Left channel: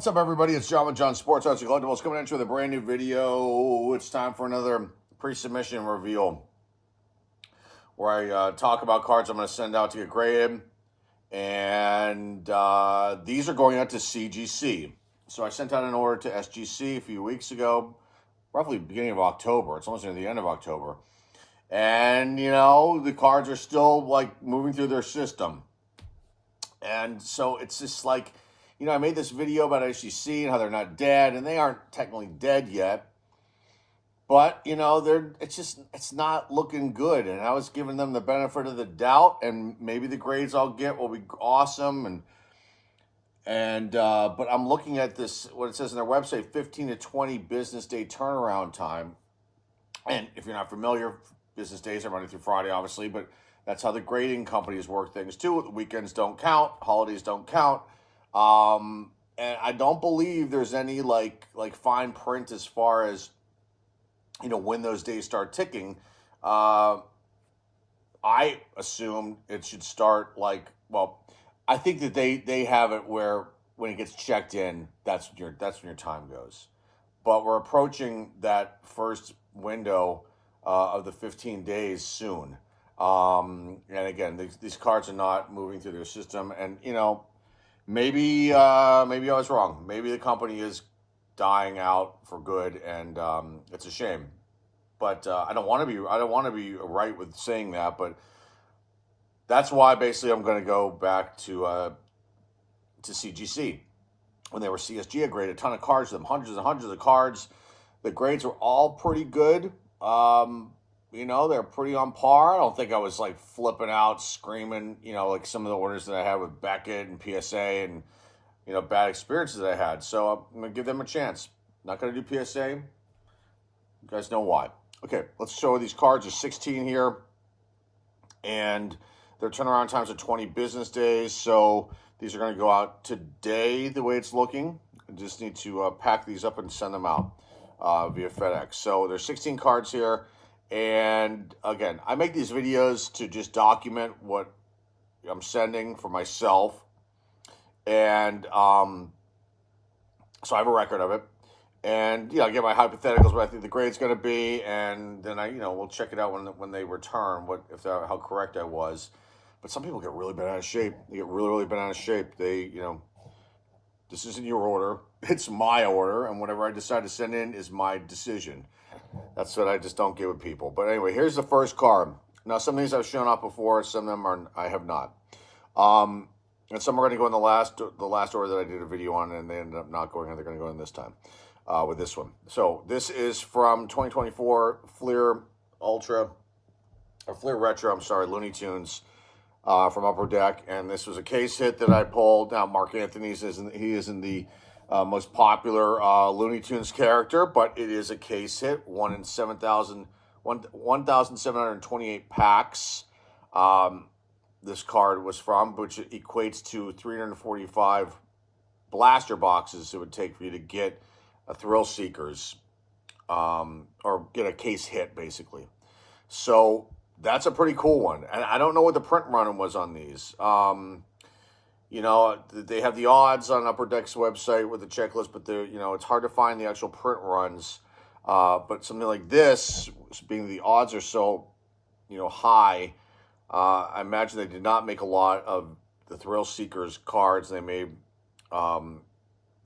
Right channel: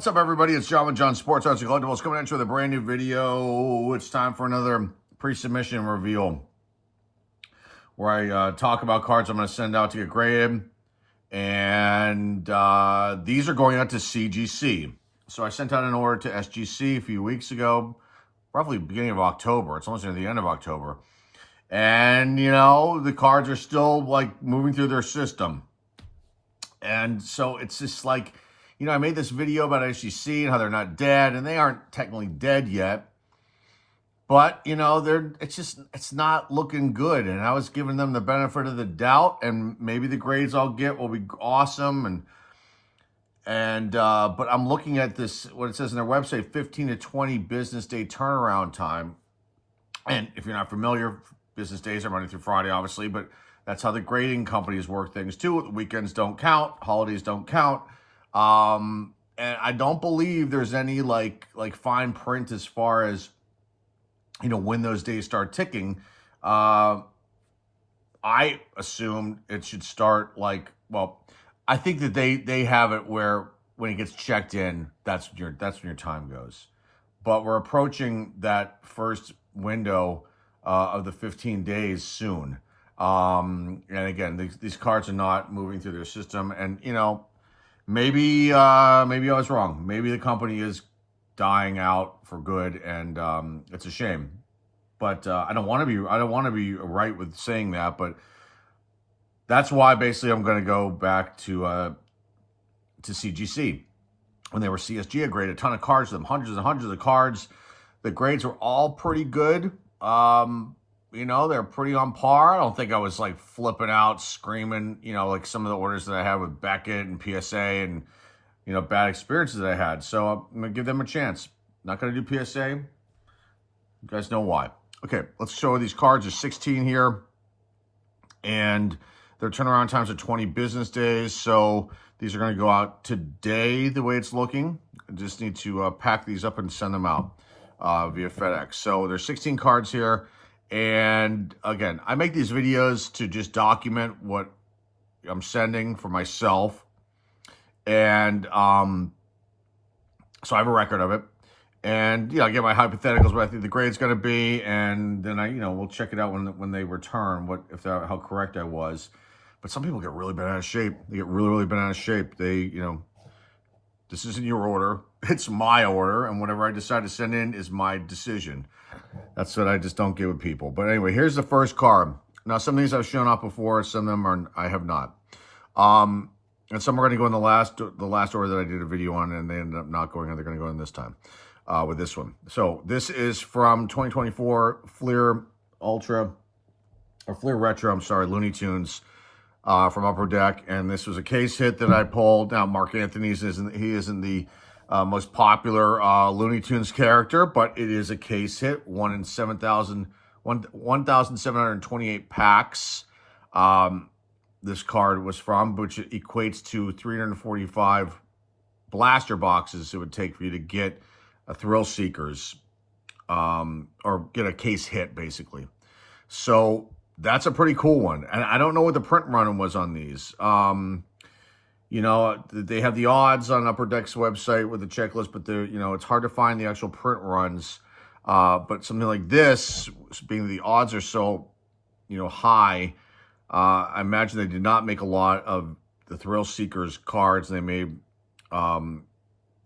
What's up, everybody? It's John with John Sports Arts and Collectibles coming at you with a brand new video. It's time for another pre-submission reveal where I talk about cards I'm going to send out to get graded. And these are going out to CGC. So I sent out an order to SGC a few weeks ago, roughly beginning of October. It's almost near the end of October. And, you know, the cards are still, like, moving through their system. And so it's just like, you know, I made this video about SGC and how they're not dead, and they aren't technically dead yet. But, you know, it's not looking good. And I was giving them the benefit of the doubt, and maybe the grades I'll get will be awesome. But I'm looking at this, what it says on their website, 15 to 20 business day turnaround time. And if you're not familiar, business days are Monday through Friday, obviously, but that's how the grading companies work things too. The weekends don't count, holidays don't count. And I don't believe there's any like fine print as far as, you know, when those days start ticking. I assumed it should start like, well, I think that they have it where when it gets checked in, that's when your time goes. But we're approaching that first window of the 15 days soon. And again, these cards are not moving through their system, and you know, maybe I was wrong. Maybe the company is dying out for good, and it's a shame. But I don't want to be right with saying that. But that's why basically I'm going to go back to CGC. When they were CSG, I graded a ton of cards to them, hundreds and hundreds of cards. The grades were all pretty good. You know, they're pretty on par. I don't think I was like flipping out, screaming, you know, like some of the orders that I had with Beckett and PSA and, you know, bad experiences that I had. So I'm going to give them a chance. Not going to do PSA. You guys know why. Okay, let's show these cards. There's 16 here. And their turnaround times are 20 business days. So these are going to go out today the way it's looking. I just need to pack these up and send them out via FedEx. So there's 16 cards here. And again, I make these videos to just document what I'm sending for myself. And so I have a record of it. And, you know, I get my hypotheticals, what I think the grade's going to be. And then we'll check it out when they return, how correct I was. But some people get really bent out of shape. They get really, really bent out of shape. They, you know, this isn't your order. It's my order. And whatever I decide to send in is my decision. That's what I just don't get with people. But anyway, here's the first card. Now, some of these I've shown off before. Some of them I have not. And some are going to go in the last order that I did a video on, and they ended up not going in. They're going to go in this time with this one. So this is from 2024 Fleer Retro, I'm sorry, Looney Tunes from Upper Deck. And this was a case hit that I pulled. Now, Mark Anthony's isn't the most popular Looney Tunes character, but it is a case hit, 1,728 packs. This card was from, which equates to 345 blaster boxes it would take for you to get a Thrill Seekers, or get a case hit, basically. So that's a pretty cool one. And I don't know what the print run was on these. You know, they have the odds on Upper Deck's website with the checklist, but you know, it's hard to find the actual print runs. But something like this, being the odds are so, you know, high, I imagine they did not make a lot of the Thrill Seekers cards. They made, you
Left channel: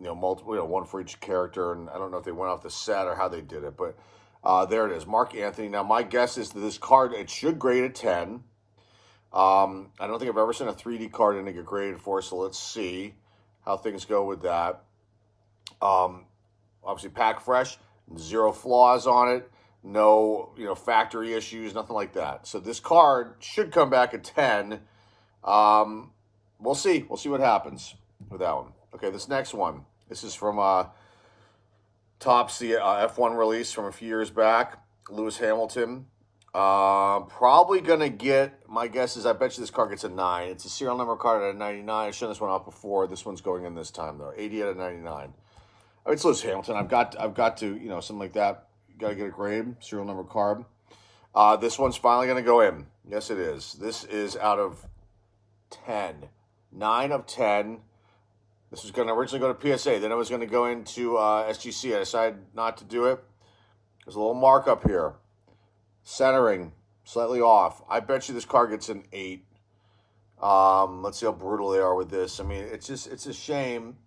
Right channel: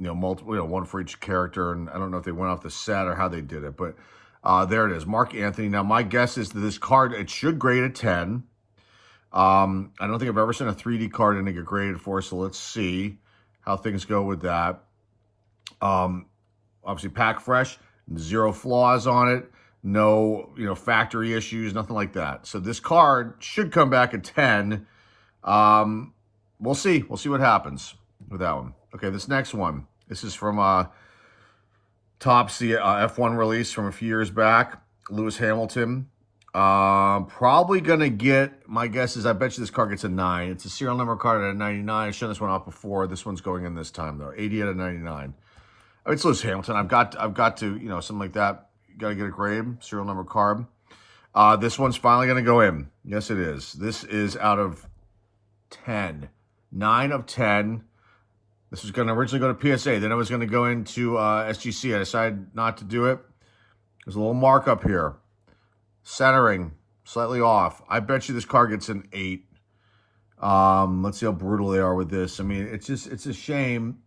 know, multiple, you know, one for each character, and I don't know if they went off the set or how they did it, but there it is, Mark Anthony. Now, my guess is that this card, it should grade a 10. I don't think I've ever sent a 3D card in to get graded for, so let's see how things go with that. Obviously, pack fresh, 0 flaws on it, no, you know, factory issues, nothing like that. So this card should come back at 10. We'll see. We'll see what happens with that one. Okay, this next one. This is from Topsy F1 release from a few years back. Lewis Hamilton. Probably gonna get, my guess is I bet you this card gets a 9. It's a serial number card at a 99. I've shown this one off before. This one's going in this time though. 80 out of 99. I mean, it's Lewis Hamilton. I've got to, you know, something like that. You gotta get a grade, serial number card. This one's finally gonna go in. Yes, it is. This is out of 10. 9 of 10. This was going to originally go to PSA. Then it was going to go into SGC. I decided not to do it. There's a little markup here. Centering, slightly off. I bet you this card gets an 8. Let's see how brutal they are with this. I mean, it's a shame,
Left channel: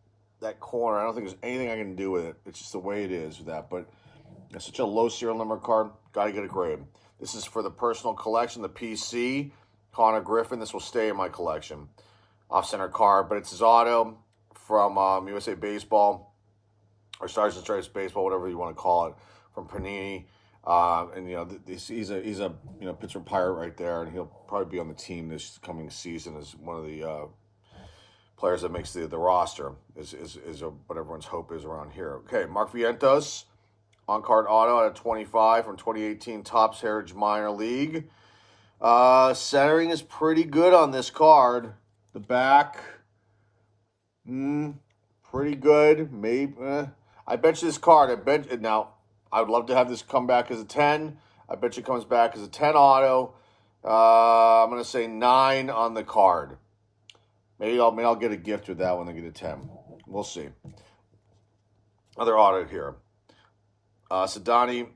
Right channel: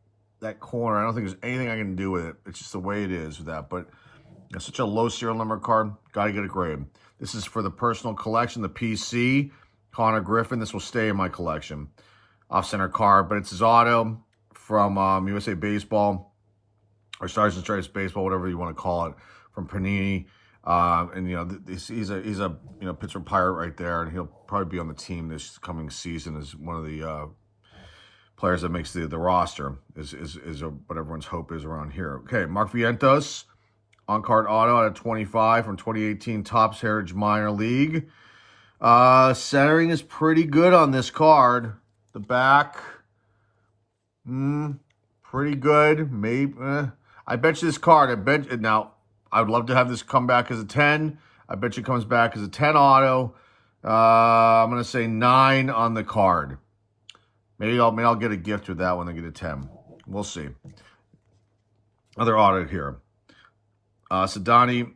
that corner. I don't think there's anything I can do with it. It's just the way it is with that. But it's such a low serial number card. Got to get a grade. This is for the personal collection, the PC. Connor Griffin. This will stay in my collection. Off-center card, but it's his auto from USA Baseball, or Stars and Stripes Baseball, whatever you want to call it, from Panini. And he's a Pittsburgh Pirate right there, and he'll probably be on the team this coming season as one of the players that makes the roster. Is what everyone's hope is around here. Okay, Mark Vientos, on card auto out of 25 from 2018 Topps Heritage Minor League. Centering is pretty good on this card. The back, pretty good. Maybe I bet you this card. Now. I would love to have this come back as a 10. I bet you it comes back as a 10 auto. I'm going to say 9 on the card. Maybe I'll get a gift with that one and get a 10. We'll see. Other auto here. Sadani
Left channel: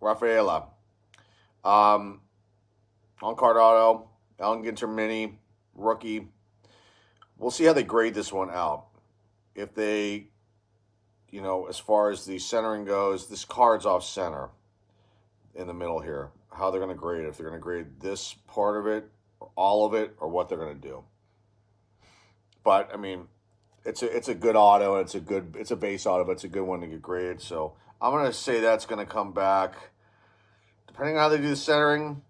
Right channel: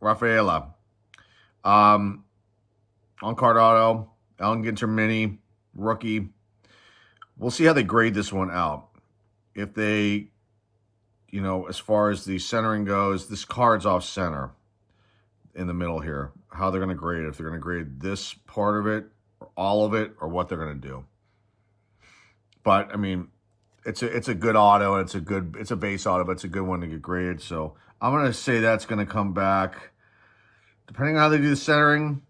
Rafaela. On card auto. Allen Ginter Mini. Rookie. We'll see how they grade this one out. If they... as far as the centering goes, this card's off center in the middle here. How they're going to grade it. If they're going to grade this part of it, or all of it, or what they're going to do. But, I mean, it's a good auto. It's a base auto, but it's a good one to get graded. So, I'm going to say that's going to come back. Depending on how they do the centering,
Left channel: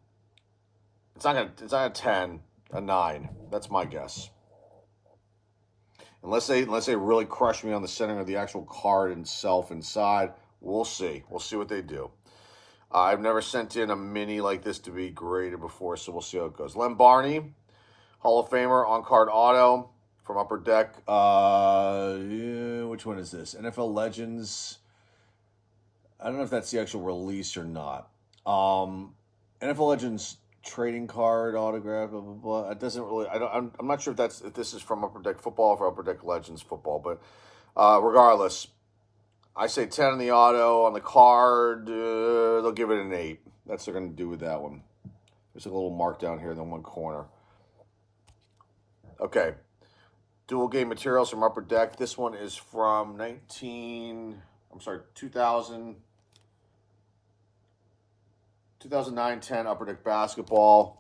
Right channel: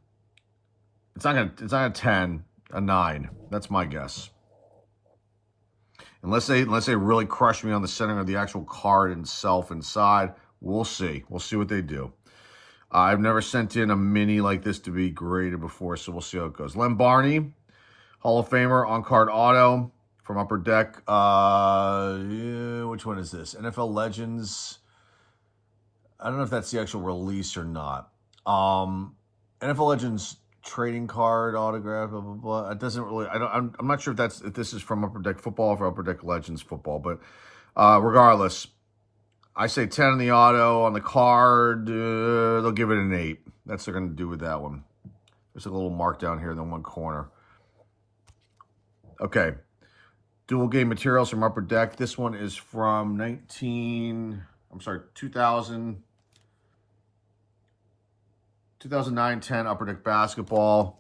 it's not a 10, a 9. That's my guess. Unless they really crush me on the centering of the actual card itself inside, we'll see. We'll see what they do. I've never sent in a mini like this to be graded before, so we'll see how it goes. Len Barney, Hall of Famer, on-card auto from Upper Deck. Which one is this? NFL Legends. I don't know if that's the actual release or not. NFL Legends trading card autograph, blah blah blah. It doesn't really. I'm not sure if this is from Upper Deck Football or from Upper Deck Legends Football, but regardless, I say 10 on the auto. On the card, they'll give it an 8. That's what they're going to do with that one. There's a little mark down here in the one corner. Okay, dual game materials from Upper Deck. This one is from 2009-10 Upper Deck Basketball.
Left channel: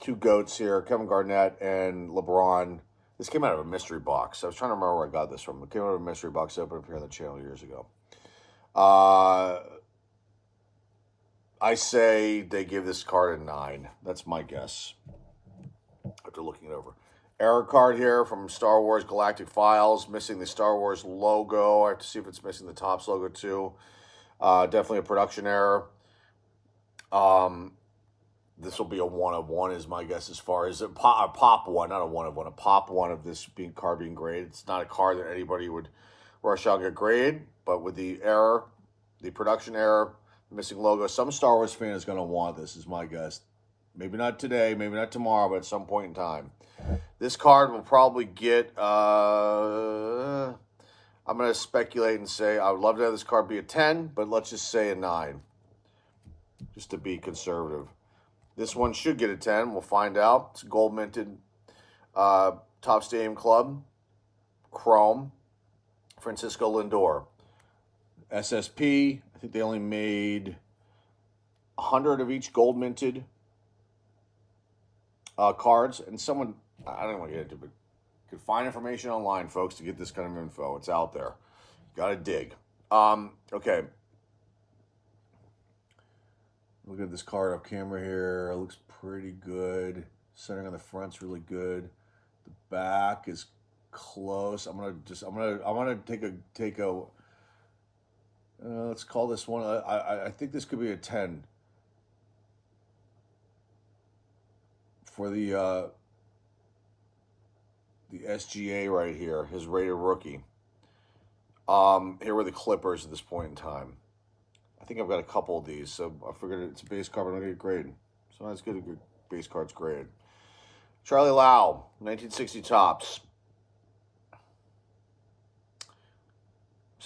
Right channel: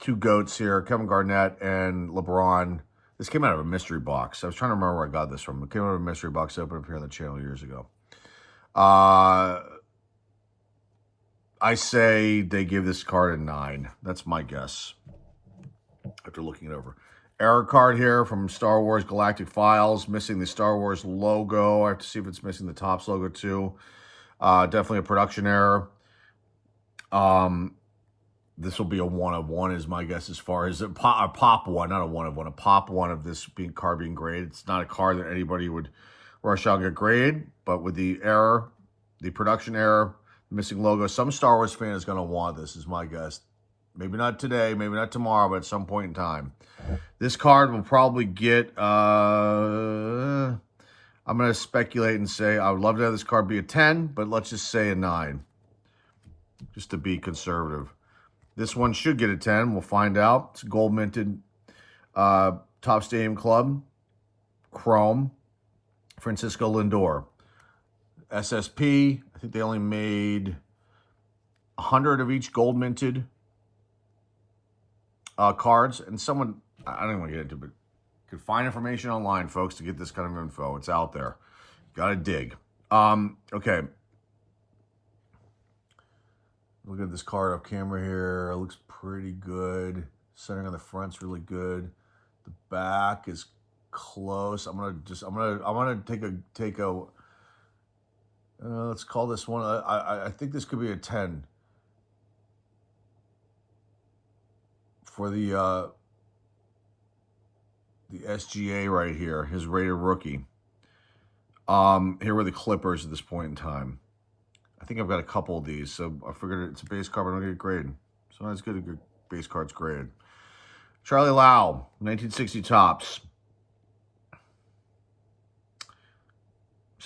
2 GOATs here, Kevin Garnett and LeBron. This came out of a mystery box. I was trying to remember where I got this from. It came out of a mystery box I opened up here on the channel years ago. I say they give this card a 9. That's my guess after looking it over. Error card here from Star Wars Galactic Files. Missing the Star Wars logo. I have to see if it's missing the Topps logo too. Definitely a production error. This will be a 1 of 1 is my guess as far as a pop 1, not a 1 of 1, a pop 1 of this card being graded. It's not a card that anybody would rush out and get graded, but with the error, the production error, missing logo, some Star Wars fan is going to want this, is my guess. Maybe not today, maybe not tomorrow, but at some point in time. This card will probably get, I'm going to speculate and say I would love to have this card be a 10, but let's just say a 9. Just to be conservative. This one should get a 10. We'll find out. It's gold minted Top Stadium Club. Chrome. Francisco Lindor. SSP. I think they only made 100 of each gold minted cards. And someone, I don't even want to get into it, but you can find information online, folks, to get this kind of info. It's out there. Got to dig. Okay. Look at this card up camera here. It looks pretty good. Centering on the front's really good. The back is close. I'm gonna take a. Let's call this one. I think this could be a 10 for the SGA right here. His rated rookie. Here were the Clippers at this point in time. I think I've got a couple of these, so I figured it's a base card, but I don't get graded. So it's good to get base cards graded. Charlie Lau, 1960 Topps.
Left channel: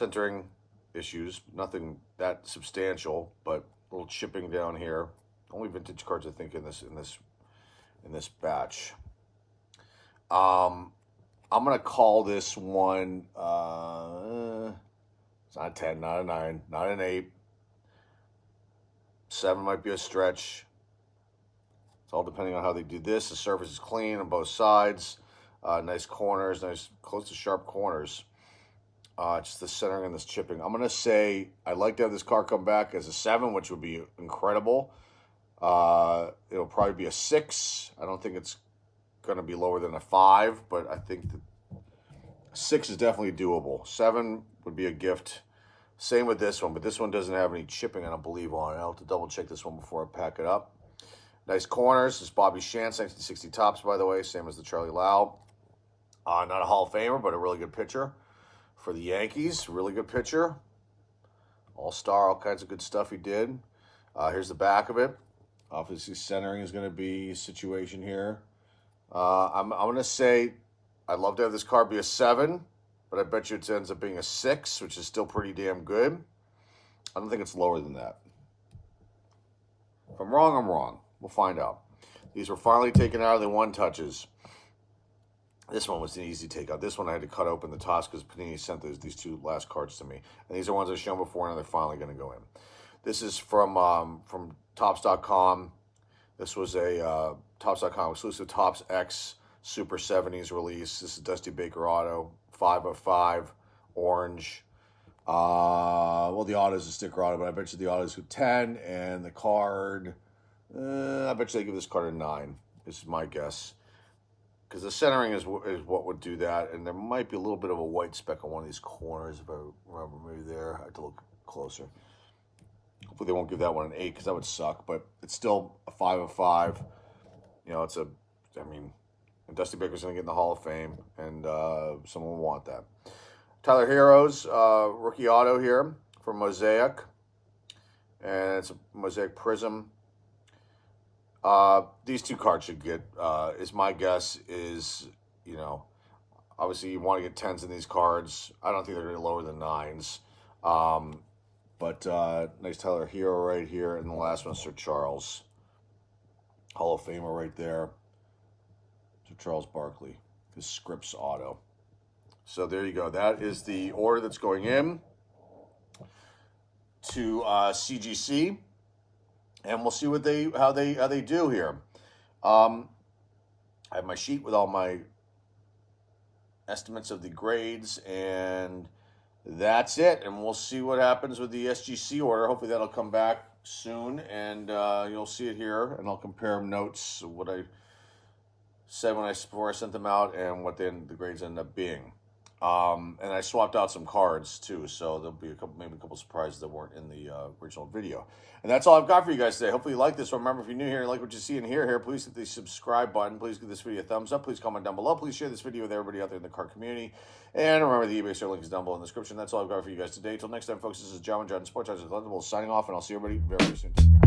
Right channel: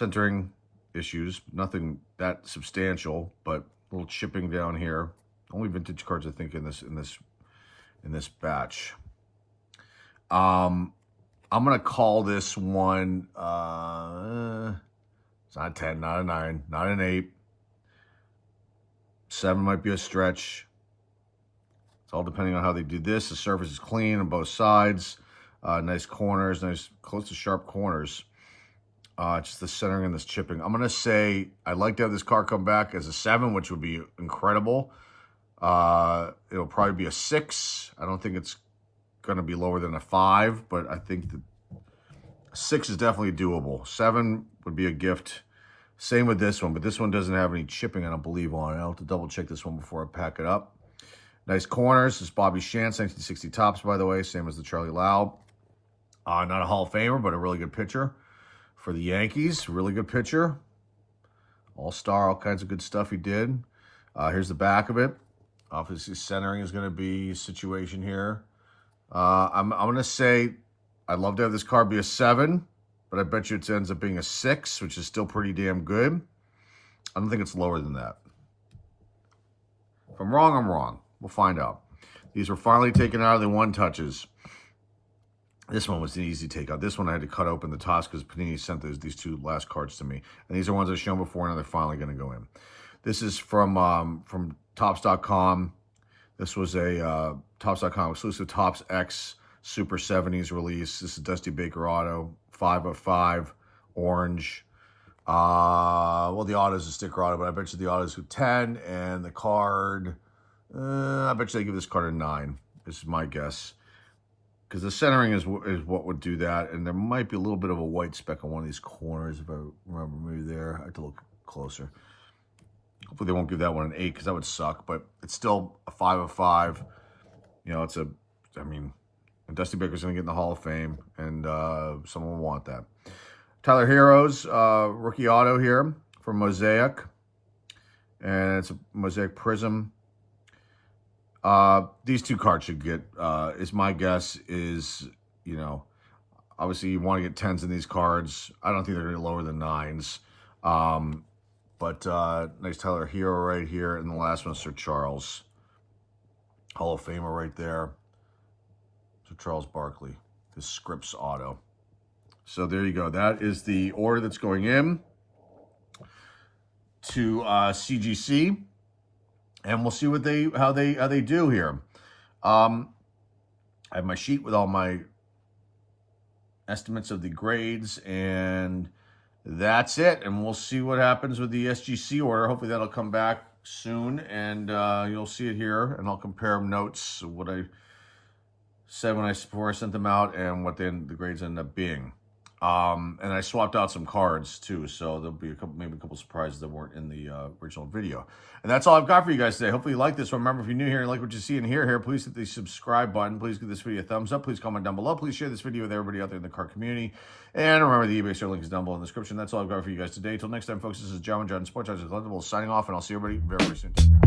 centering issues, nothing that substantial, but a little chipping down here. Only vintage cards, I think, in this batch. I'm gonna call this one. It's not a 10, not a 9, not an 8. 7 might be a stretch. It's all depending on how they do this. The surface is clean on both sides. Nice corners, nice close to sharp corners. Just the centering and this chipping. I'm gonna say I'd like to have this card come back as a 7, which would be incredible. It'll probably be a 6. I don't think it's gonna be lower than a 5, but I think the 6 is definitely doable. 7 would be a gift. Same with this one, but this one doesn't have any chipping, I don't believe, on it. I'll have to double check this one before I pack it up. Nice corners. This is Bobby Shantz, 1960 tops, by the way, same as the Charlie Lau. Not a Hall of Famer, but a really good pitcher for the Yankees. Really good pitcher. All-star, all kinds of good stuff he did. Here's the back of it. Obviously, centering is going to be a situation here. I'm going to say I'd love to have this card be a 7, but I bet you it ends up being a 6, which is still pretty damn good. I don't think it's lower than that. If I'm wrong, I'm wrong. We'll find out. These were finally taken out of the one-touches. This one was an easy takeout. This one I had to cut open the tops because Panini sent these 2 last cards to me. And these are ones I've shown before, and they're finally going to go in. This is from Topps.com. This was a Topps.com exclusive Topps X Super 70s release. This is Dusty Baker Auto, 5 of 5, orange. Well, the auto is a sticker auto, but I bet you the auto is a 10, and the card, I bet you they give this card a 9. This is my guess. Because the centering is what would do that, and there might be a little bit of a white speck on one of these corners, if I remember, maybe there. I have to look closer. Hopefully they won't give that one an 8, because that would suck, but it's still a 5 of 5. You know, and Dusty Baker's going to get in the Hall of Fame, and someone will want that. Tyler Heroes, rookie auto here from Mosaic, and it's a Mosaic Prism. These 2 cards should get, is my guess, is, you know, obviously you want to get 10s in these cards. I don't think they're going to be lower than 9s. But nice Tyler Hero right here. And the last one, Sir Charles. Hall of Famer right there. Sir Charles Barkley. His Scripps auto. So there you go. That is the order that's going in to CGC. And we'll see what how they do here. I have my sheet with all my estimates of the grades, and that's it. And we'll see what happens with the SGC order. Hopefully that'll come back soon, and you'll see it here. And I'll compare notes, what I said before I sent them out, and what the grades end up being. And I swapped out some cards too, so there'll be maybe a couple surprises that weren't in the original video. And that's all I've got for you guys today. Hopefully you like this one. Remember, if you're new here and like what you see and hear here, please hit the subscribe button. Please give this video a thumbs up. Please comment down below. Please share this video with everybody out there in the card community. And remember, the eBay store link is down below in the description. That's all I've got for you guys today. Till next time, folks, this is John Sports Collectibles signing off, and I'll see everybody very, very soon.